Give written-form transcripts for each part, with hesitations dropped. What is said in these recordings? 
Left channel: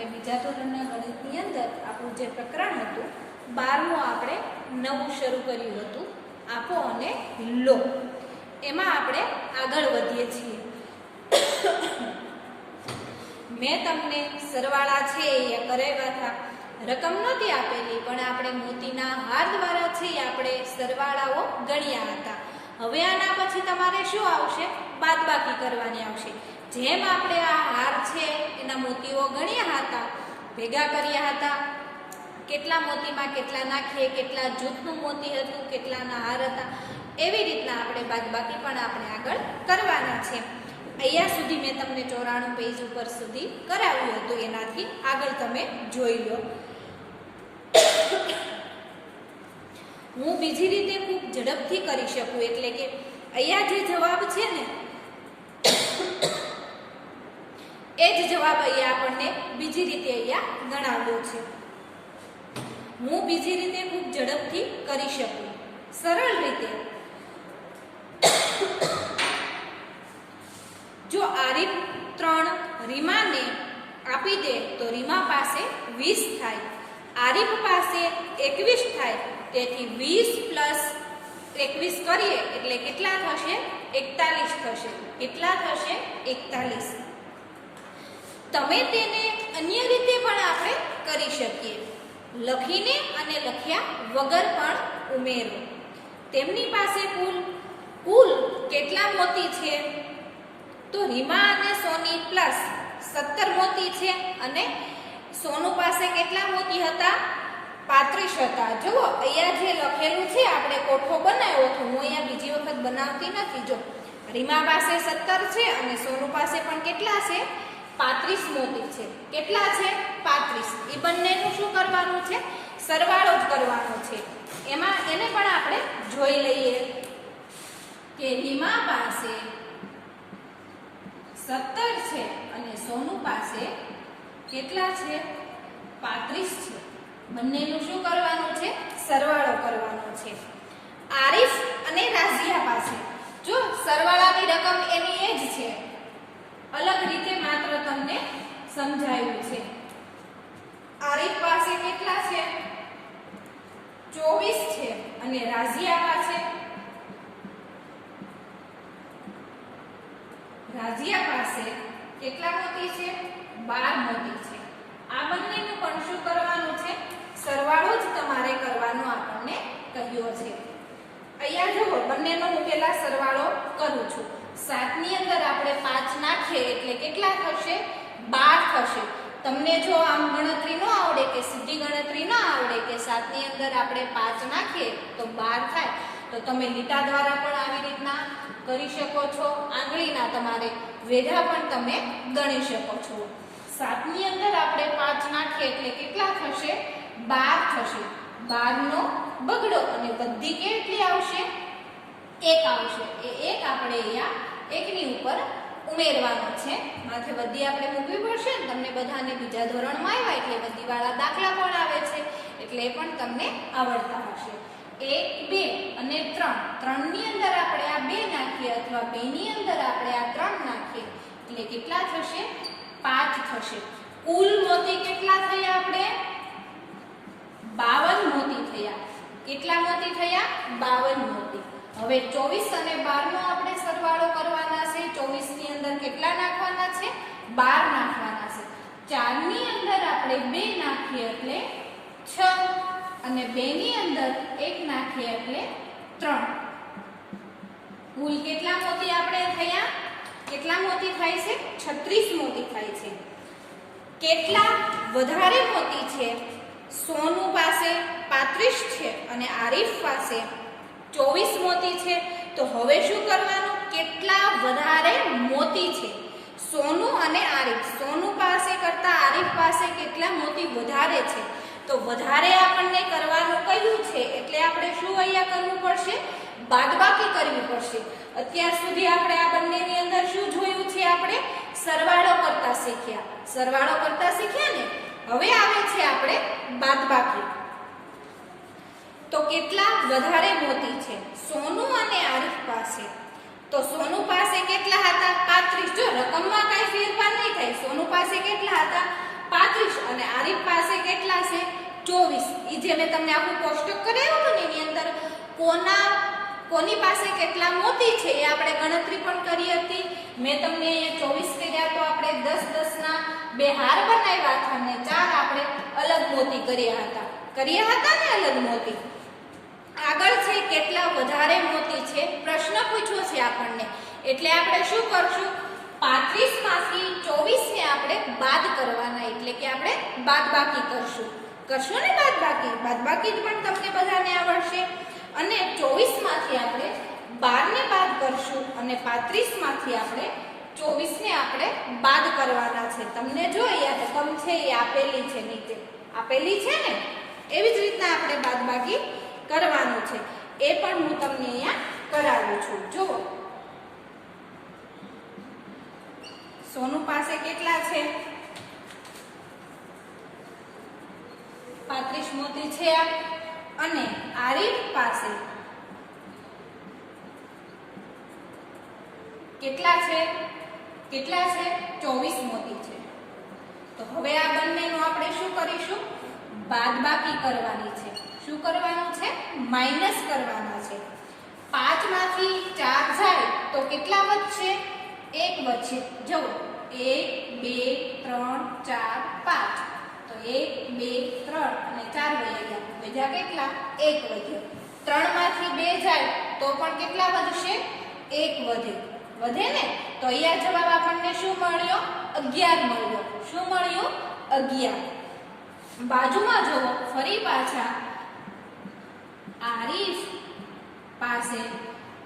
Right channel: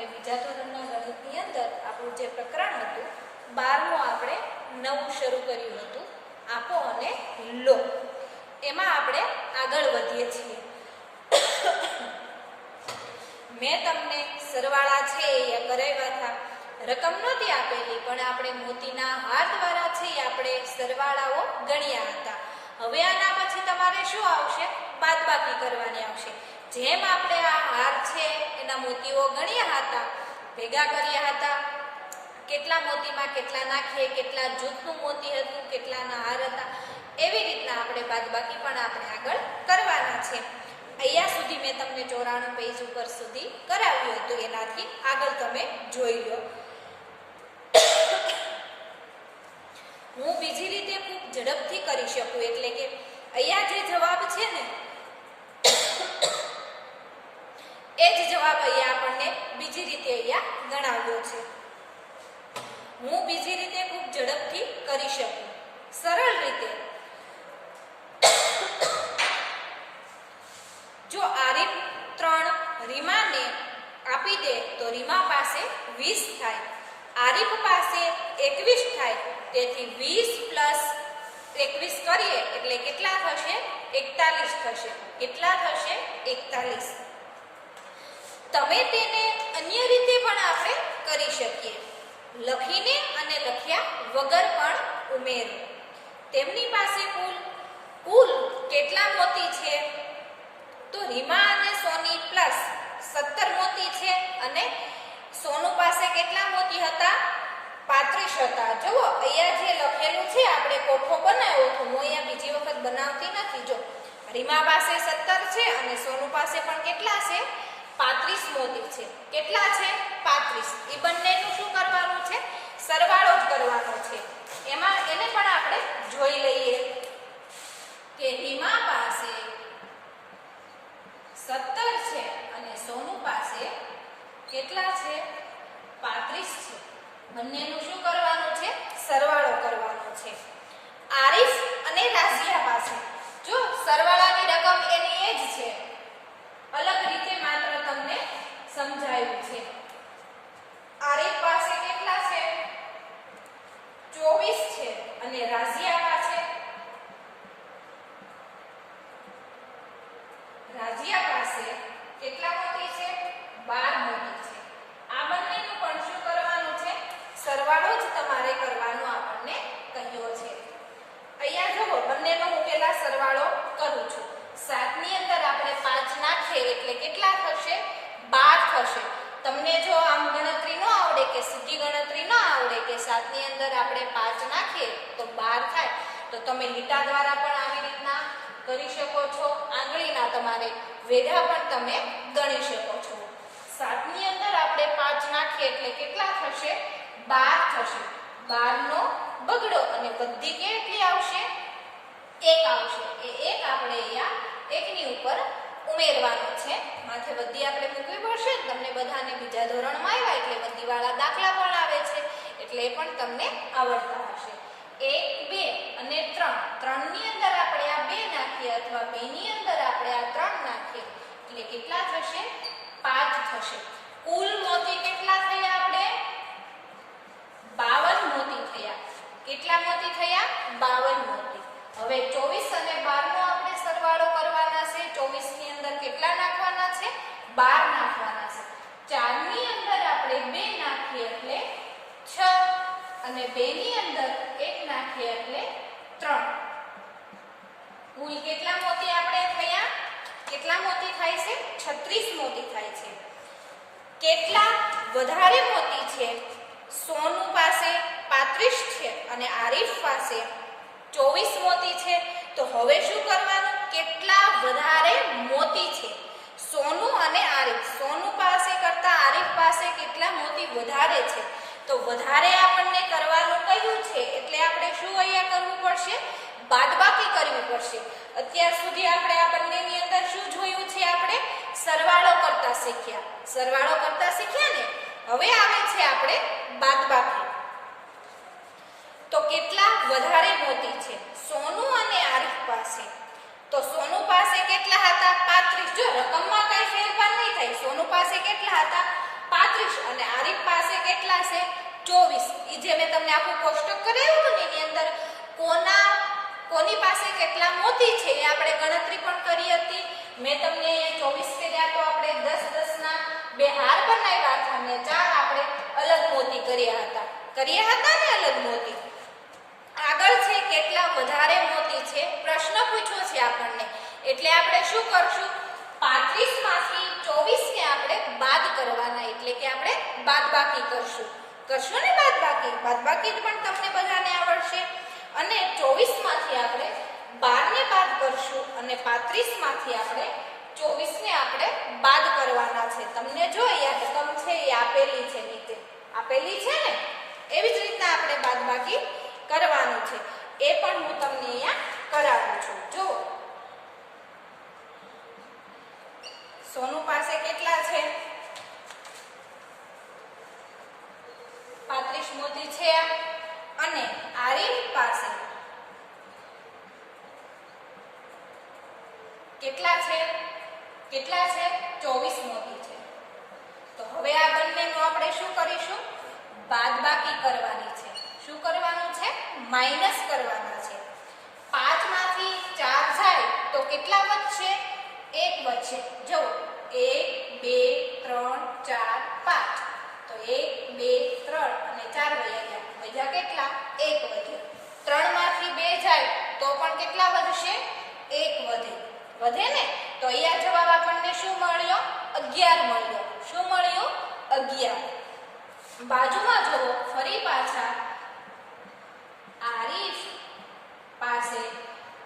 આપણે બીજા ધોરણના ગણિતની અંદર આપણું જે પ્રકરણ હતું 12મું આપણે નવું શરૂ કર્યું હતું આપો અને લો. એમાં આપણે આગળ વધીએ છીએ. મેં તમને સરવાળા છે એ કરાવ્યા હતા, રકમ નહોતી આપેલી પણ આપણે મોતીના હાર દ્વારા છે એ આપણે સરવાળાઓ ગણ્યા હતા. હવે આના પછી તમારે શું આવશે? બાદબાકી કરવાની આવશે. જેમ આપણે આ હાર છે એના મોતીઓ ગણ્યા હતા, ભેગા કર્યા હતા, કેટલા મોતીમાં કેટલા નાખીએ, કેટલા જૂથનું મોતી હતું, કેટલાના હાર હતા, એવી રીતના આપણે બાદબાકી પણ આપણે આગળ કરવાના છે. અહીંયા સુધી મેં તમને 94 પેજ ઉપર સુધી કરાવ્યું હતું, એનાથી આગળ તમે જોઈ લો. હું બીજી રીતે ખૂબ ઝડપથી કરી શકું, એટલે કે અહીંયા જે જવાબ છે ને એ જ જવાબ અહીંયા આપણને બીજી રીતે અહીંયા ગણાવ્યો છે. હું બીજી રીતે ખૂબ ઝડપથી કરી શકું, સરળ રીતે. જો આરીફ 3 રીમાને આપી દે તો રીમા પાસે 20 થાય, આરીફ પાસે 21 થાય. તેથી 20 + 21 કરીએ એટલે કેટલા થશે? 41 થશે. કેટલા થશે? 41. તમે તેને અન્ય રીતે પણ આપણે કરી શકીએ, લખીને અને લખ્યા વગર પણ ઉમેરો. તેમની પાસે કુલ કેટલા મોતી છે? તો રીમા અને સોની પ્લસ 17 મોતી છે, અને સોનુ પાસે કેટલા મોતી હતા? 35 હતા. જુઓ અહીંયા જે લખેલું છે, આપણે કોઠો બનાવ્યો હતો, હું અહીંયા બીજી વખત બનાવતી નથી. જો રીમા પાસે 17 છે અને સોનુ પાસે પણ કેટલા છે? 35 મોતી છે. કેટલા છે? 35. એ બંનેનું શું કરવાનું છે? સરવાળો જ કરવાનો છે. એમાં એને પણ આપણે જોઈ લઈએ કે રીમા પાસે 17 છે અને સોનુ પાસે કેટલા છે? 35 છે. બંનેનું શું કરવાનું છે? સરવાળો કરવાનો છે. આરીફ અને રાઝિયા પાસે જો સરવાળાની રકમ એની એ જ છે, અલગ રીતે માત્ર તમને સમજાવ્યું છે. આરીફ પાસે કેટલા છે? 24 છે અને રાઝિયા પાસે કેટલા મોતી છે? 12 મોતી છે. આ બંનેનું પણ શું કરવાનું છે? સરવાળો જ તમારે કરવાનો આપણને કહ્યો છે. અહીંયા જુઓ, બંનેનો હું પહેલા સરવાળો કરું છું. 7 ની અંદર આપણે 5 નાખીએ એટલે કેટલા થશે? 12 થશે. તમને જો આમ ગણતરી ન આવડે કે સીધી ગણતરી ન આવડે કે 7 ની અંદર આપણે 5 નાખીએ તો 12 થાય, તો તમે લીટા દ્વારા પણ આવી રીતના કરી શકો છો. આંગળીના તમારે વેઢા પણ તમે ગણી શકો છો. 7 ની અંદર આપણે 5 નાખીએ એટલે કેટલા થશે? 12 થશે. 12 નો બગડો અને બધી કેટલી આવશે? 1 આવશે. એ 1 આપણે અહીંયા 1 ની ઉપર ઉમેરવાનો છે. માથે બધી આપણે મૂકવી પડશે ને. તમને બધાને બીજા ધોરણમાં આવ્યા એટલે બધીવાળા દાખલા પણ આવે છે, એટલે એ પણ તમને આવડતા હશે. 1, 2 અને 3. 3 ની અંદર આપણે આ 2 નાખીએ અથવા 2 ની અંદર આપણે આ 3 નાખીએ એટલે કેટલા થશે? 5 થશે. કુલ મોતી કેટલા થયા? આપણે 52 મોતી થયા. કેટલા મોતી થયા? 52 મોતી. હવે 24 અને 12 નો આપણે સરવાળો કરવાના છે. 24 ની અંદર કેટલા નાખવાના છે? 12 નાખવાના છે. 4 ની અંદર આપણે 2 નાખીએ એટલે 6 અને 2 ની અંદર 1 નાખીએ એટલે 3. કુલ કેટલા મોતી આપણે થયા? કેટલા મોતી થાય છે? 36 મોતી થાય છે. કેટલા વધારે મોતી છે? સોનુ પાસે 35 છે અને આરીફ પાસે 24 મોતી છે. તો હવે શું કરવાનું? કેટલા વધારે મોતી છે? સોનુ અને આરીફ. સોનુ પાસે કરતા આરીફ પાસે કેટલા મોતી વધારે છે? તો વધારે આપણને કરવાનું કહ્યું છે એટલે આપણે શું અહીંયા કરવું પડશે? બાદબાકી કરવી પડશે. અત્યાર સુધી આપણે આ બંનેની અંદર શું જોયું છે? આપણે સરવાળો કરતા શીખ્યા. સરવાળો કરતા શીખ્યા ને. હવે આવે છે આપણે બાદબાકી. તો કેટલા વધારે મોતી છે? સોનુ અને આરીફ પાસે. તો સોનુ પાસે કેટલા હતા? 35. જો રકમમાં કઈ ફેરફાર નહીં થાય. સોનુ પાસે કેટલા હતા? 35 અને આરીફ પાસે કેટલા છે 24. ઈ જે મેં તમને આખું કોષ્ટક કરાવ્યું હતું ને એની અંદર કોની પાસે કેટલા મોતી છે એ આપણે ગણતરી પણ કરી હતી. મેં તમને અહીંયા 24 કર્યા તો આપણે 10 ના બે હાર બનાવ્યા હતા અને 4 આપણે અલગ મોતી કર્યા હતા ને અલગ મોતી. આગળ છે કેટલા વધારે મોતી છે પ્રશ્ન પૂછ્યો છે આપણને, એટલે આપણે શું કરશું 35 માંથી 24 ને આપણે બાદ કરવાના, એટલે કે આપણે બાદબાકી કરશું ને બાદબાકી પણ તમને બધાને આવડશે. અને 24 માંથી આપણે 12 ને બાદ કરશું અને 35 માંથી આપણે 24 ને આપણે બાદ કરવાના છે. તમને જો અહીંયા રકમ છે એ આપેલી છે, નીચે આપેલી છે ને, એવી જ રીતના આપણે બાદબાકી કરવાનું છે. એ પણ હું તમને અહીંયા કરાવું છું. જુઓ સોનુ પાસે કેટલા છે 35 મોતી છે અને આરીફ પાસે કેટલા છે 24 મોતી છે. તો હવે આ બંનેનું આપણે શું કરીશું બાદબાકી કરવાની છે. શું કરવાનું છે માઈનસ કરવાના છે. 5 માંથી 4 જાય તો કેટલા વધશે 1 વધશે. જો 1 2 3 4 5 તો 1 2 3 અને 4 વધ્યા કેટલા 1 વધ્યો. 3 માંથી 2 જાય તો પણ કેટલા વધશે 1 વધે ને. તો અહીંયા જવાબ આપણને શું મળ્યો 11 મળ્યો. શું મળ્યું 11. બાજુમાં જુઓ ફરી પાછા આરીફ પાસે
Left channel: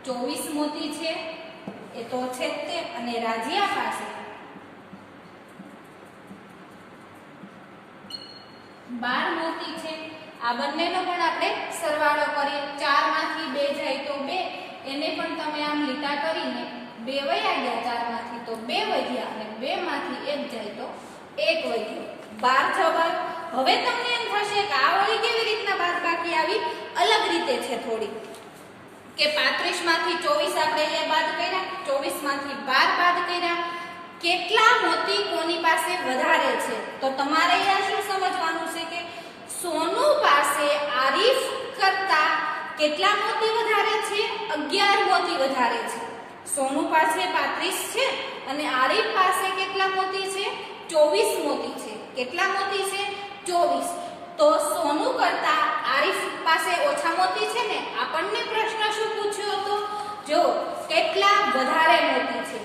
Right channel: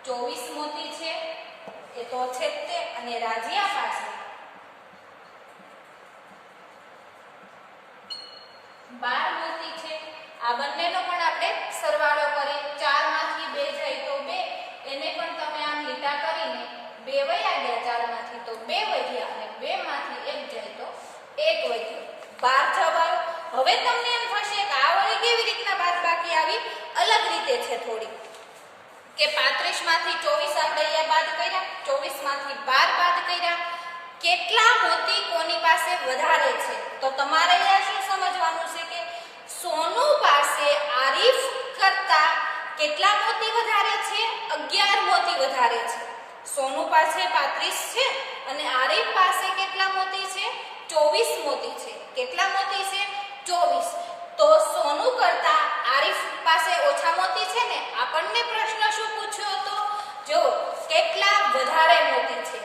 24 મોતી છે એ તો છે જ તે, અને રાજીયા પાસે 12 મોતી છે. આ બંનેનો પણ આપણે સરવાળો કરીએ. 4 માંથી 2 જાય તો 2, એને પણ તમે આમ લીટા કરીને 2 વયા ગયા, 4 માંથી તો 2 વધ્યા અને 2 માંથી 1 જાય તો 1 વધ્યો. 12 જવાબ. હવે તમને એમ થશે કે આ વળી કેવી રીતના બાદબાકી આવી, અલગ રીતે છે થોડી, કે 35 માંથી 24 આપણે અહીંયા બાદ કર્યા, 24 માંથી 12 બાદ કર્યા, કેટલા મોતી કોની પાસે વધારે છે. તો તમારે અહીંયા શું સમજવાનું છે કે સોનુ પાસે આરીફ કરતા કેટલા મોતી વધારે છે 11 મોતી વધારે છે. સોનુ પાસે 35 છે અને આરીફ પાસે કેટલા મોતી છે 24 મોતી છે. કેટલા મોતી છે 24. તો સોનુ કરતા આરીફ પાસે ઓછા મોતી છે ને. આપણને પ્રશ્ન શું પૂછ્યો હતો, જો કેટલા વધારે મોતી છે.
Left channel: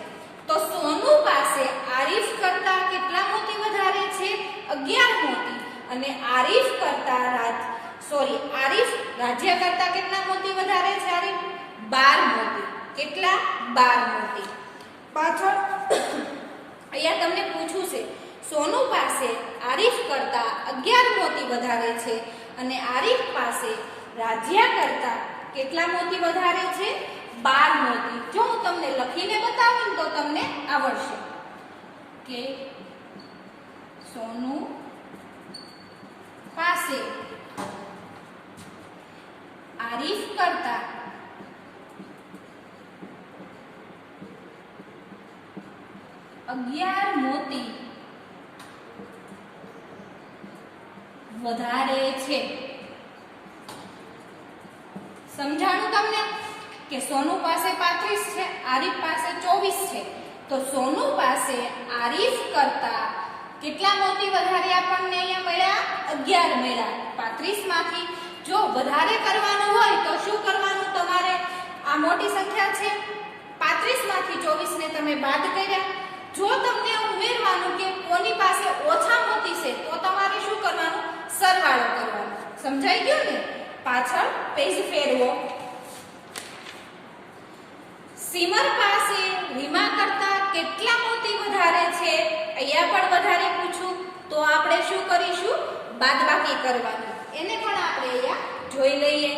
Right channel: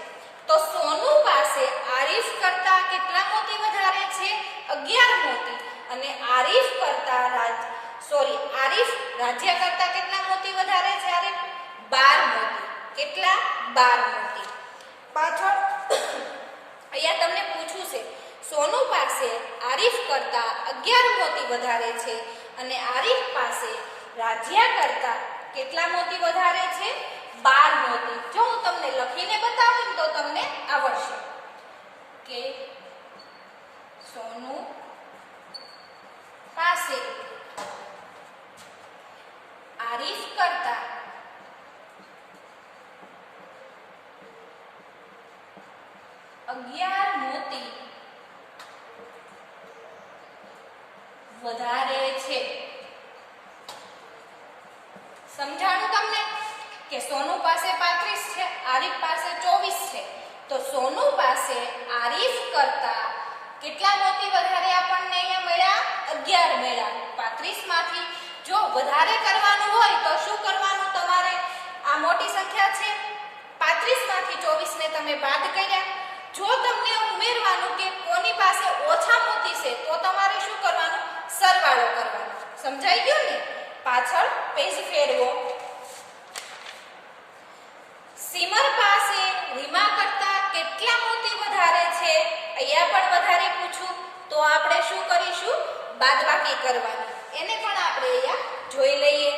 તો સોનુ પાસે આરીફ કરતા કેટલા મોતી વધારે છે 11 મોતી, અને આરીફ રાજ્ય કરતા કેટલા મોતી વધારે છે આરીફ 12 મોતી. કેટલા 12 મોતી. પાછળ અહીંયા તમને પૂછ્યું છે સોનુ પાસે આરીફ કરતા 11 મોતી વધારે છે અને આરીફ પાસે રાજ્યા કરતા કેટલા મોતી વધારે છે 12 મોતી. જો હું તમને લખીને બતાવું તો તમને આવડશે કે સોનુ પાસે આરીફ કરતા 11 મોતી વધારે છે. સમજાણું તમને કે સોનુ પાસે 35 છે, આરીફ પાસે 24 છે. તો સોનુ પાસે આરીફ કરતા કેટલા મોતી વધારે આપણને અહીંયા મળ્યા 11 મળ્યા. 35 માંથી જો વધારે કરવાનું હોય તો શું કરવાનું તમારે, આ મોટી સંખ્યા છે 35 માંથી 24 ને તમે બાદ કર્યા. જો તમને ઉમેરવાનું કે કોની પાસે ઓછા મોતી છે તો તમારે શું કરવાનું સરવાળો કરવાનો. સમજાઈ ગયું ને. પાછળ પેજ ફેરવો. સિમર પાસે રીમા કરતા કેટલા મોતી વધારે છે, અહીંયા પણ વધારે પૂછું તો આપણે શું કરીશું બાદબાકી કરવાની. એને પણ આપણે અહીંયા જોઈ લઈએ.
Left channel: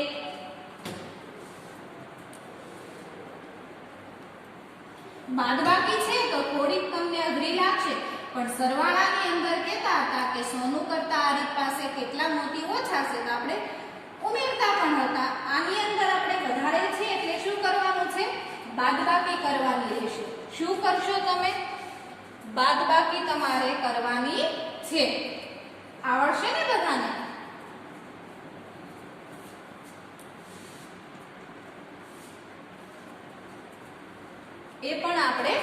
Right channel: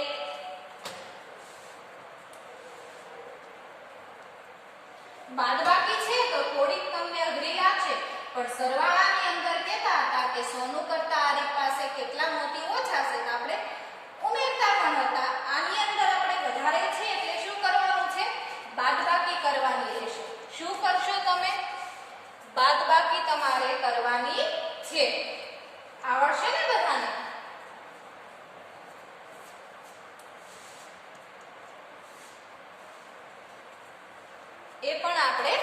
બાદબાકી છે તો થોડીક તમને અઘરી લાગશે, પણ સરવાળાની અંદર કહેતા હતા કે સોનુ કરતા આરીફ પાસે કેટલા મોતી ઓછા છે તો આપણે ઉમેરતા પણ હતા. આની અંદર આપણે વધારે છે એટલે શું કરવાનું છે બાદબાકી કરવાની રહેશે. શું કરશો તમે બાદબાકી તમારે કરવાની છે. છે. આવડશે ને બધાને? એ પણ આપણે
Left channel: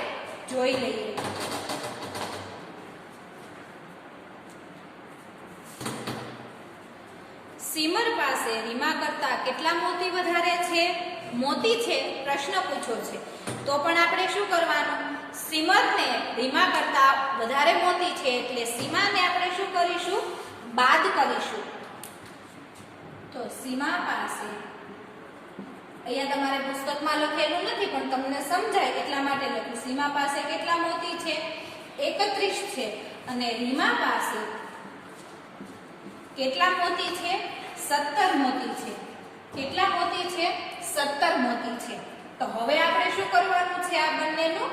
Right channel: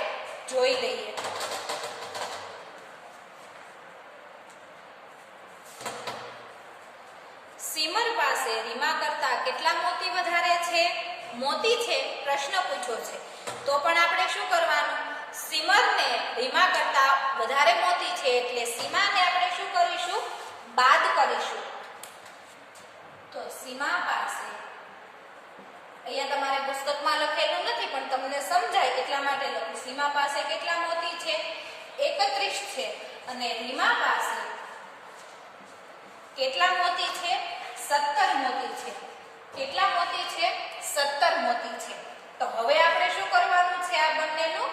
જોઈ લઈએ. સીમર પાસે રીમા કરતા કેટલા મોતી વધારે છે? મોતી છે, પ્રશ્ન પૂછ્યો છે, તો પણ આપણે શું કરવાનું? સીમરને રીમા કરતા વધારે મોતી છે એટલે સીમાને આપણે શું કરીશું? બાદ કરીશું. તો સીમા પાસે, અહીંયા તમારે પુસ્તકમાં લખેલું નથી પણ તમને સમજાય એટલા માટે લખ્યું. સીમા પાસે કેટલા મોતી છે? 31 છે. અને રીમા પાસે કેટલા મોતી છે? 17 મોતી છે. કેટલા મોતી છે? 17 મોતી છે. તો હવે આપણે શું કરવાનું છે? આ બંનેનું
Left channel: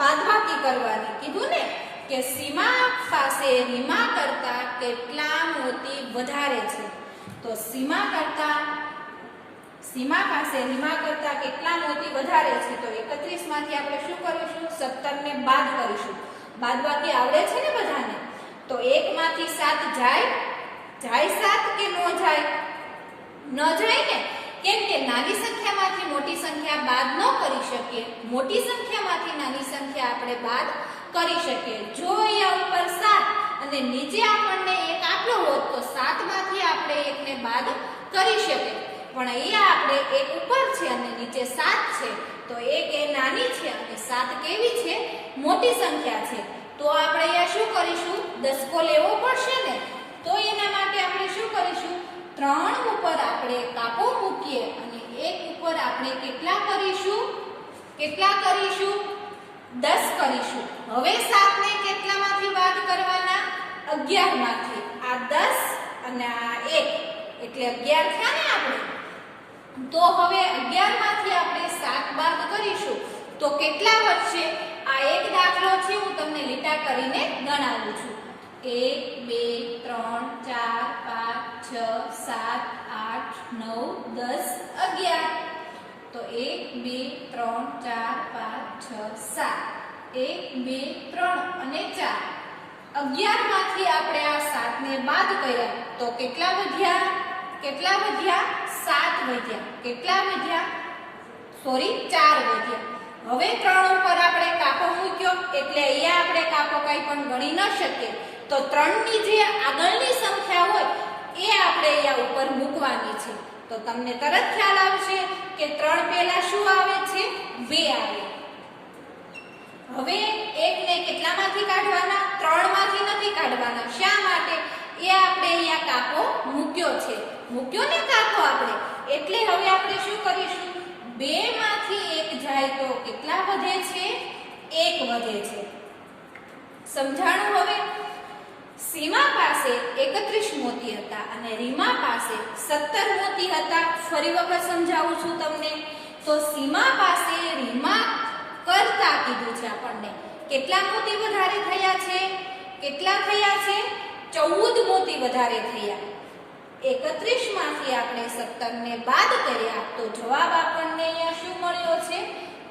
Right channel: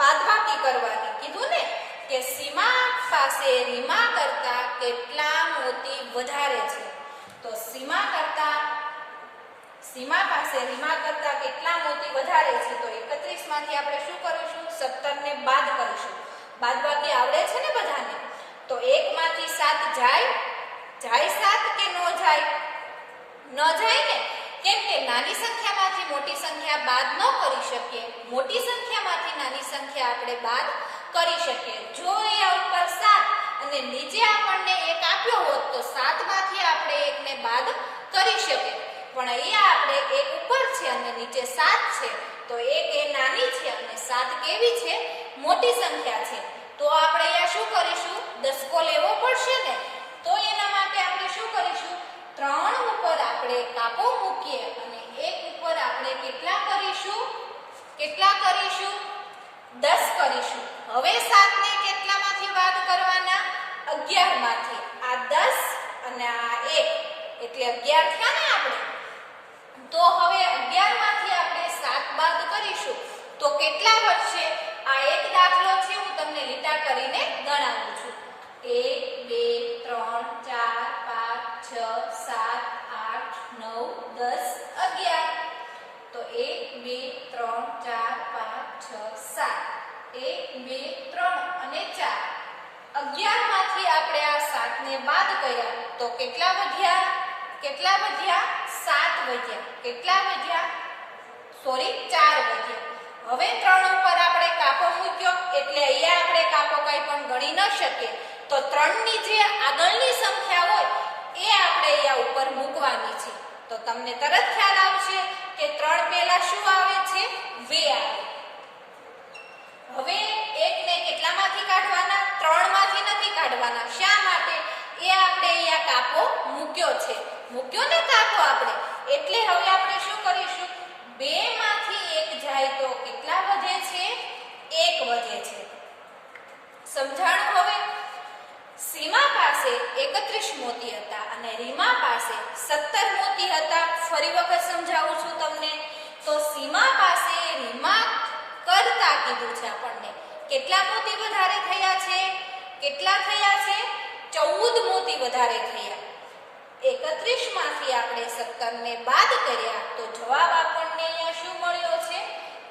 બાદબાકી કરવાની. કીધું ને કે સીમા પાસે રીમા કરતા કેટલા મોતી વધારે છે. તો સીમા પાસે રીમા કરતા કેટલા મોતી વધારે છે? તો 31 માંથી આપણે શું કરીશું? 17 ને બાદ કરીશું. બાદબાકી આવડે છે ને બધાને? તો 1 માંથી 7 જાય? જાય 7 કે ન જાય? ન જાય ને, કેમ કે નાની સંખ્યામાંથી મોટી સંખ્યા બાદ ન કરી શકીએ. મોટી સંખ્યામાંથી નાની સંખ્યા આપણે બાદ કરી શકીએ. જો અહીંયા ઉપર 7 અને નીચે આપણને 1 આપ્યો હોત તો 7 માંથી આપણે 1 ને બાદ કરી શકીએ. પણ અહીંયા આપણે 1 ઉપર છે અને નીચે 7 છે, તો 1 એ નાની છે અને 7 કેવી છે? મોટી સંખ્યા છે. તો આપણે અહીંયા શું કરીશું? દસકો લેવો પડશે ને. તો એના માટે આપણે શું કરીશું? 3 ઉપર આપણે કાપો મૂકીએ અને 1 ઉપર આપણે કેટલા કરીશું? 10 કરીશું. હવે 7 ને કેટલામાંથી બાદ કરવાના? 11 માંથી. આ 10 અને આ 1 એટલે 11 થયા ને આપણે. તો હવે 11 માંથી આપણે 7 બાદ કરીશું તો કેટલા વધશે? આ એક દાખલો છે, હું તમને લીટા કરીને ગણાવું છું. 1 2 3 4 5 6 7 8 9 10 11. તો 1 2 3 4 5 6 7. 1 2 3 અને 4. 11 માંથી આપણે આ 7 ને બાદ કર્યા તો કેટલા વધ્યા? 7 વધ્યા. કેટલા વધ્યા? 4 વધ્યા. હવે 3 ઉપર આપણે કાપો મૂક્યો એટલે અહીંયા આપણે કાપો કંઈ પણ ગણી ન શકીએ. તો 3 ની જે આગળની સંખ્યા હોય એ આપણે અહીંયા ઉપર મૂકવાની છે. તો તમને તરત ખ્યાલ આવશે કે 3 પહેલા શું આવે છે? 2 આવે. હવે 1 ને કેટલામાંથી કાઢવાના? 3 માંથી નથી કાઢવાના. શા માટે? એ આપણે અહીંયા કાપો મૂક્યો છે. મૂક્યો ને કાપો આપણે, એટલે હવે આપણે શું કરીશું? 2 માંથી 1 જાય તો કેટલા વધે છે? 1 વધે છે. સમજાણું? હવે સીમા પાસે 31 મોતી હતા અને રીમા પાસે 17 મોતી હતા. ફરી વખત સમજાવું છું તમને. તો સીમા પાસે રીમા કરતા કીધું છે આપણને. કેટલા મોતી વધારે થયા છે? કેટલા થયા છે? 14 મોતી વધારે થયા. 31 માંથી આપણે 17 ને બાદ કર્યા તો જવાબ આપણને અહીંયા શું મળ્યો છે?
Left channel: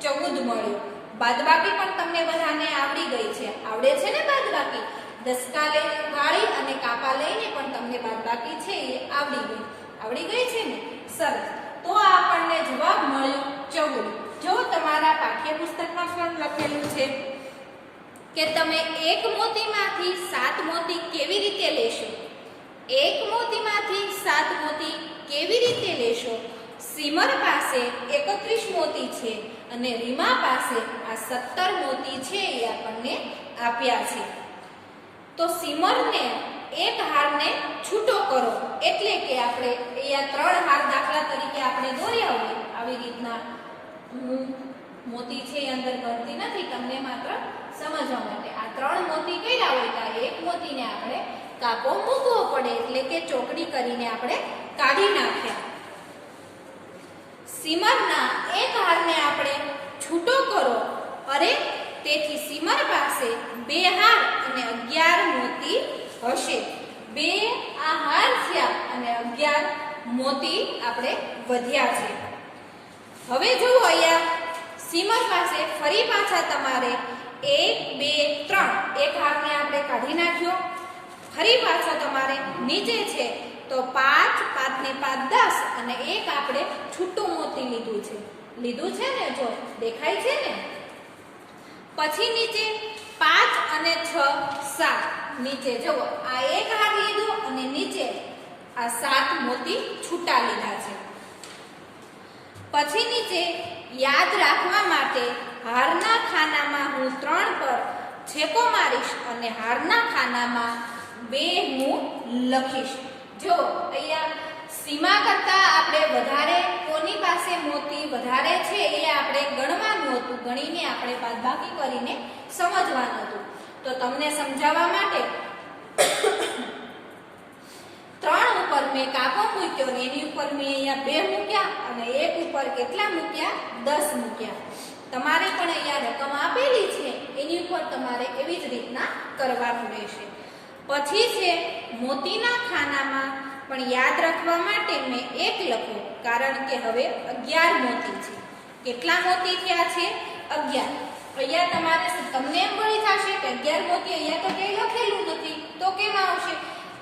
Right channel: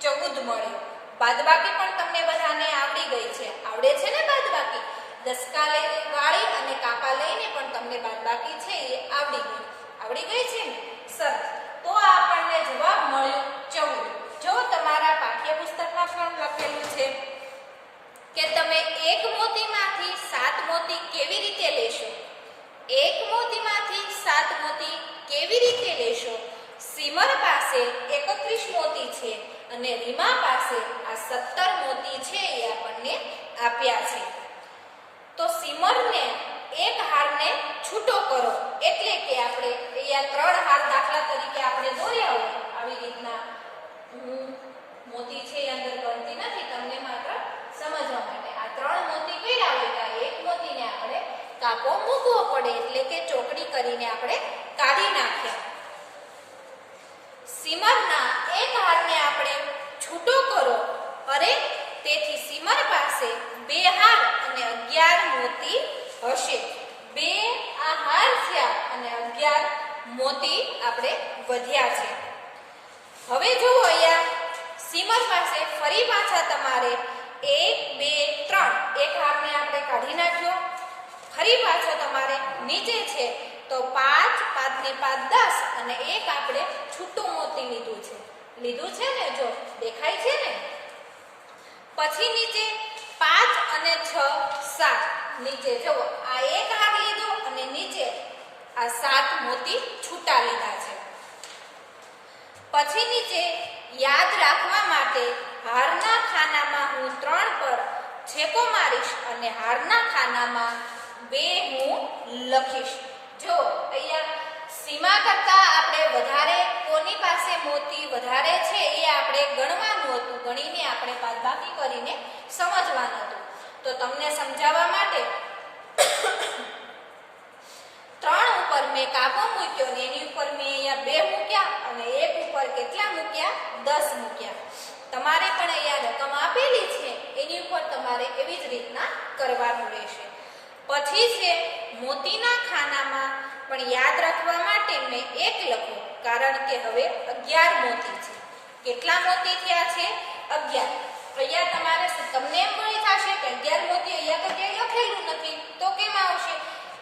14 મળ્યો. બાદબાકી પણ તમને બધાને આવડી ગઈ છે. આવડે છે ને બાદબાકી? દસકા લઈને ગાળી અને કાપા લઈને પણ તમને બાદબાકી છે એ આવડી ગઈ છે ને? સરસ. તો આપણને જવાબ મળ્યો 14. જો તમારા પાઠ્યપુસ્તકમાં પણ લખેલું છે કે તમે 1 મોતીમાંથી 7 મોતી કેવી રીતે લેશો? 1 મોતીમાંથી 7 મોતી કેવી રીતે લેશો? સીમર પાસે 31 મોતી છે અને રીમા પાસે આ 17 મોતી છે એ આપણને આપ્યા છે. તો સીમરને એક હારને છૂટો કરો, એટલે કે આપણે અહીંયા 3 હાર દાખલા તરીકે આપણે દોર્યા હોય આવી રીતના. મોતી છે એ અંદર ગણતી નથી, તમને માત્ર સમજવા માટે. આ 3 મોતી કર્યા હોય તો આ 1 મોતીને આપણે કાપો મૂકવો પડે, એટલે કે ચોકડી કરીને આપણે કાઢી નાખ્યા. સીમરના એક હારને આપણે છૂટો કરો. અરે, તેથી સીમર પાસે 2 હાર અને 11 મોતી હશે. 2 આ હાર થયા અને 11 મોતી આપણે વધ્યા છે. હવે જુઓ અહીંયા સીમર પાસે ફરી પાછા તમારે 1 2 3 એક હારને આપણે કાઢી નાખ્યો. ફરી પાછો તમારે નીચે છે તો 5, 5 ને 5 10 અને એક આપણે છૂટું મોતી લીધું છે ને, જો દેખાય છે ને. પછી નીચે 5 અને 6 7, નીચે જુઓ આ એક હાર લીધું અને નીચે આ 7 મોતી છૂટા લીધા છે. પછી નીચે યાદ રાખવા માટે હારના ખાનામાં હું 3 પર છેકો મારીશ અને હારના ખાનામાં 2 હું લખીશ. જો અહીંયા સીમા કરતા આપણે વધારે કોની પાસે મોતી વધારે છે એ આપણે ગણવાનું હતું, ગણીને આપણે બાદબાકી કરીને સમજવાનું હતું. તો તમને સમજાવવા માટે 3 ઉપર મેં કાપો મૂક્યો ને એની ઉપર મેં અહીંયા 2 મૂક્યા અને એક ઉપર કેટલા મૂક્યા? 10 મૂક્યા. તમારે પણ અહીંયા રકમ આપેલી છે એની ઉપર તમારે એવી જ રીતના કરવાનું રહેશે. પછી છે મોતીના ખાનામાં પણ યાદ રાખવા માટે મેં 1 લખ્યો, કારણ કે હવે 11 મોતી છે. કેટલા મોતી થયા છે? 11. અહીંયા તમારે તમને એમ મળી થશે કે 11 મોતી અહીંયા તો ક્યાંય લખેલું નથી, તો કેમ આવશે?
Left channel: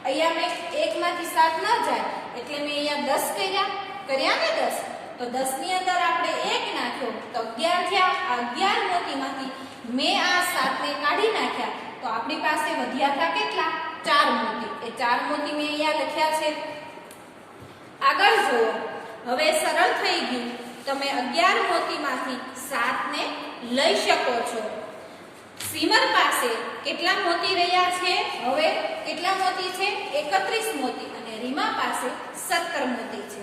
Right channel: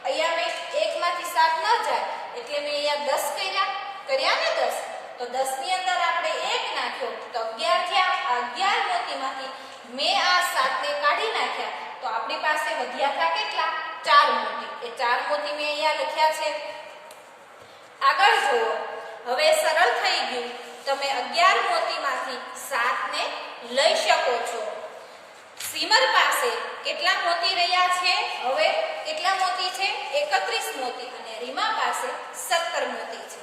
અહીંયા મેં 1 માંથી 7 ન જાય એટલે મેં અહીંયા 10 કર્યા ને 10. તો 10 ની અંદર આપણે 1 નાખ્યો તો 11 થયા. આ 11 મોતીમાંથી મેં આ 7 ને કાઢી નાખ્યા તો આપણી પાસે વધ્યા હતા કેટલા? 4 મોતી. એ 4 મોતી મેં અહીંયા લખ્યા છે. આગળ જુઓ, હવે સરળ થઈ ગયું. તમે 11 મોતીમાંથી 7 ને લઈ શકો છો. સીમર પાસે કેટલા મોતી રહ્યા છે? હવે કેટલા મોતી છે? 31 મોતી અને રીમા પાસે 17 મોતી છે.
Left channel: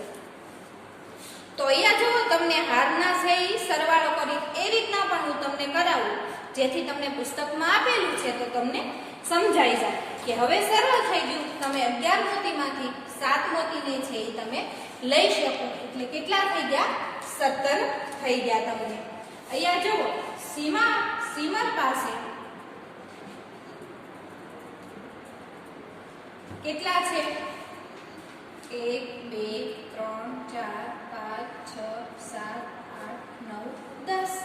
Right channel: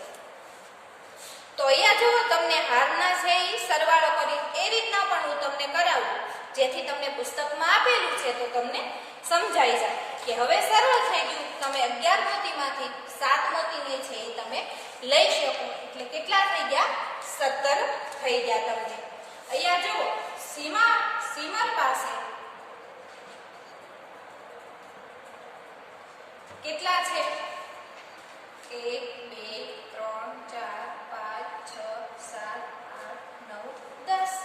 તો અહીંયા જુઓ, તમને હારના છે સરવાળો કરી એ રીતના પણ હું તમને કરાવું, જેથી તમને પુસ્તકમાં આપેલું છે તો તમને સમજાઈ જાય કે હવે સરળ થઈ ગયું. તમે 11 મોતીમાંથી 7 મોતીને છે એ તમે લઈ શકો. એટલે કેટલા થઈ ગયા? 17 થઈ ગયા તમને. અહીંયા જુઓ, સીમર પાસે કેટલા છે? 1 2 3 4 5 6 7 8 9 10.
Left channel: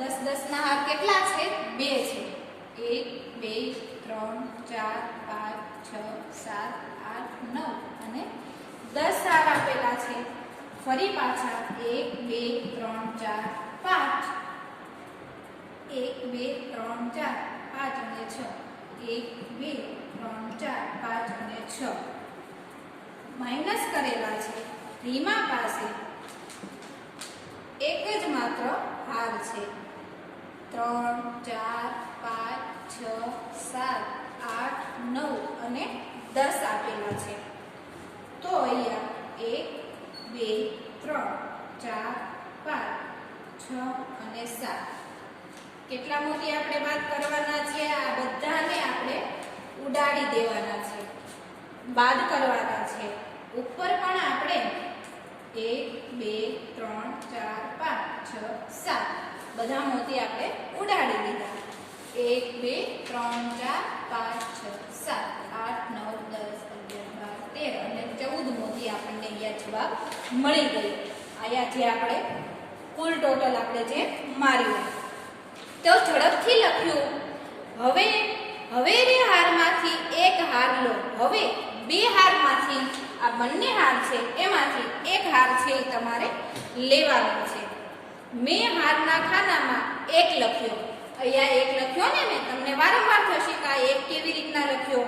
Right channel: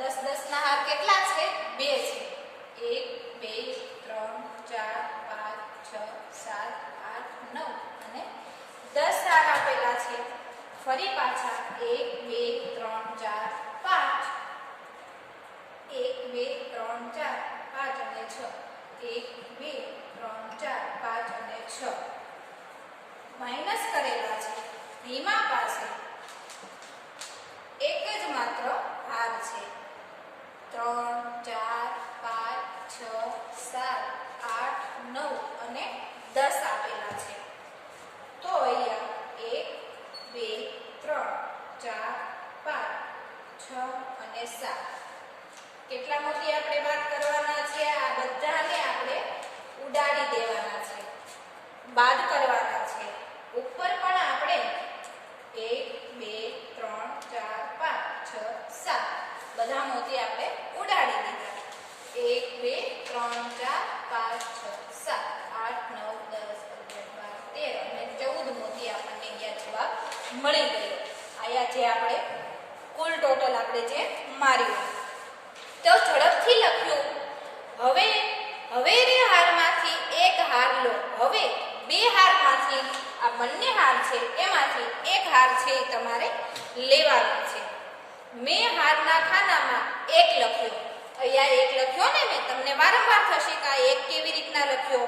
10 10 ના હાર કેટલા છે? 2 છે. 1 2 3 4 5 6 7 8 9 અને 10 હાર આપેલા છે. ફરી પાછા 1 2 3 4 5. 1 2 3 4 5 અને 6. 1 2 3 4 5 અને 6 માઇનસ કરેલા છે. રીમા પાસે એક જ માત્ર હાર છે. 3 4 5 6 7 8 9 અને 10 આપેલા છે. તો અહીંયા 1 2 3 4 5 6 અને 7 કેટલા મોતી આપણે વાત કરવાના છે? આ બધાને આપણે ઉડાડી દેવાના છે, બાદ કરવાના છે. ઉપર પણ આપણે 1 2 3 4 5 6 7 બધા મોતી આપણે ઉડાડી દીધા. 1 2 3 4 5 6 7 8 9 10 11 12 13 અને 14 મોતી આપણને અહીંયા જવાબ મળી ગયો. અહીંયા જે આપણે કુલ ટોટલ આપણે જે માર્યું તો ઝડપથી લખ્યું. હવે હારમાંથી એક હાર લો. હવે 2 હારમાંથી આ બંને હાર છે એમાંથી એક હાર છે એ તમારે લેવાનો છે. મેં હારના ખાનામાં 1 લખ્યો. અહીંયા 1 લખ્યો ને મેં તમને વારંવાર થશે કે આ 1 કેવી રીતના લખ્યો?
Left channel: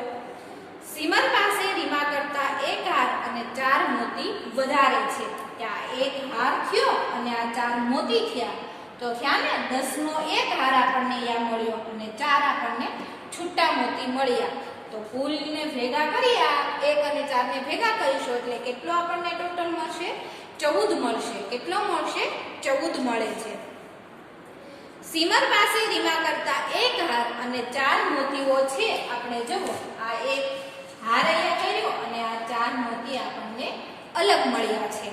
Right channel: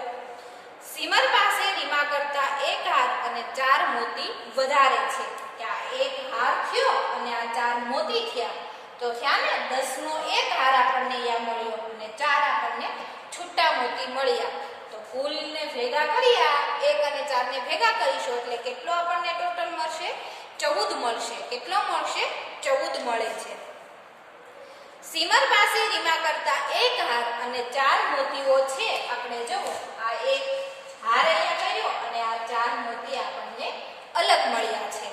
સીમર પાસે રીમા કરતા 1 હાર અને 4 મોતી વધારે છે. ત્યાં 1 હાર થયો અને આ 4 મોતી થયા તો થયા ને 10 નો 1 હાર આપણને અહીંયા મળ્યો અને 4 આપણને છૂટા મોતી મળ્યા. તો કુલને ભેગા કર્યા, 1 અને 4 ને ભેગા કરીશું એટલે કેટલો આપણને ટોટલ મળશે? 14 મળશે. કેટલો મળશે? 14 મળે છે. સીમર પાસે રીમા કરતા 1 હાર અને 4 મોતીઓ છે. આપણે જુઓ, આ 1 હાર અહીંયા કર્યો અને આ 4 મોતી આપણને અલગ મળ્યા છે.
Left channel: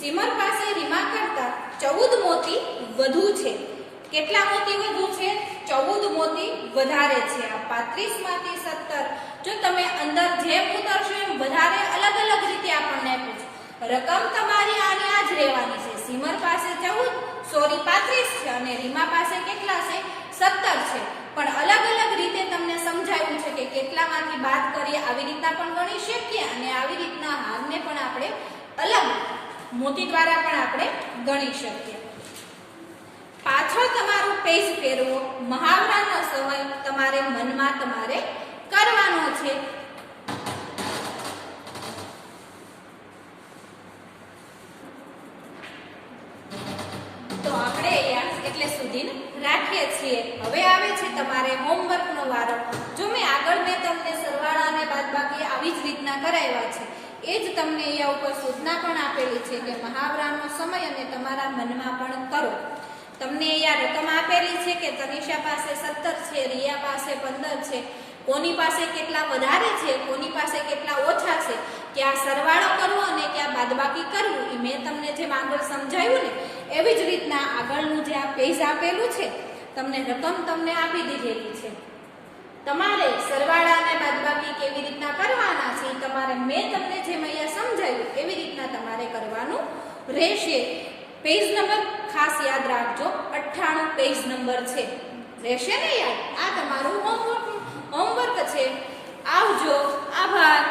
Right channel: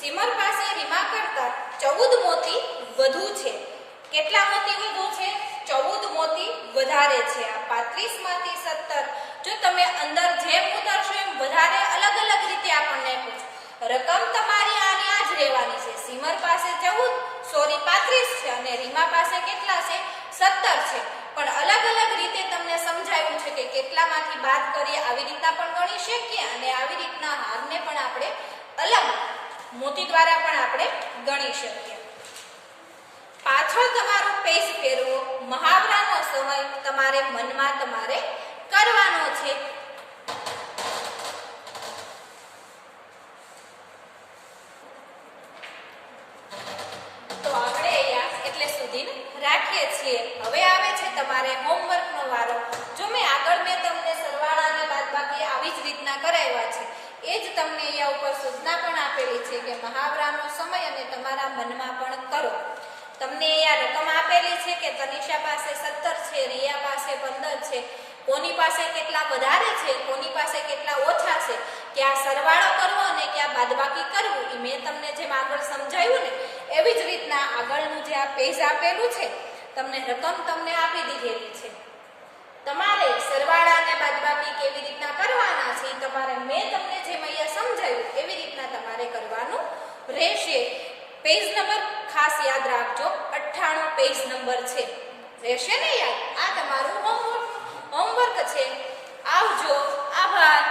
સીમર પાસે રીમા કરતા 14 મોતી વધુ છે. કેટલા મોતી વધુ છે? 14 મોતી વધારે છે. આ 35 માંથી 17 જો તમે અંદર જેમ ઉતારશો એમ વધારે અલગ અલગ રીતે આપણને પૂછે. રકમ તમારી આની આ જ રહેવાની છે. સીમર પાસે 35 છે અને રીમા પાસે કેટલા છે? 17 છે. પણ અલગ અલગ રીતે તમને સમજાવ્યું છે કે કેટલામાંથી બાદ કરીએ આવી રીતના પણ ગણી શકીએ અને આવી રીતના હારને પણ આપણે અલગ મોતી દ્વારા પણ આપણે ગણી શકીએ. પાછળ તમારું પેજ ફેરવો. મહાવરાનો સમય તમારે મનમાં તમારે કરવાનો છે. તો આપણે અહીંયા એટલે સુધી રાખીએ છીએ. હવે આવે છે તમારે હોમવર્કનો વારો. જો મેં આગળ તમને સરવાળા અને બાદબાકી આવી જ રીતના કરાવ્યા છે, એ જ તમને અહીંયા ઉપર સૂચના પણ આપેલી છે કે મહાવરાનો સમય અને તમારા મનમાં પણ કરો. તમને અહીંયા રકમ આપેલી છે કે તનિષા પાસે 17 છે, રિયા પાસે 15 છે, કોની પાસે કેટલા વધારે છે, કોની પાસે કેટલા ઓછા છે, ક્યાં સરવાળો કરવો અને ક્યાં બાદબાકી કરવું, એ મેં તમને જેમ આગળ સમજાવ્યું ને એવી જ રીતના આગળનું જે આ પેજ આપેલું છે તમને રકમ તમને આપી દીધેલી છે. તમારે સરવાળા અને બાદબાકી કેવી રીતના કરવાના છે તમારે મેં તમને જેમ અહીંયા સમજાવ્યું એવી રીતના તમારે કરવાનું રહેશે. પેજ નંબર ખાસ યાદ રાખજો, 98 પેજ નંબર છે. રહેશે ને યાદ? આ તમારું હોમવર્ક છે. આવજો. આભાર.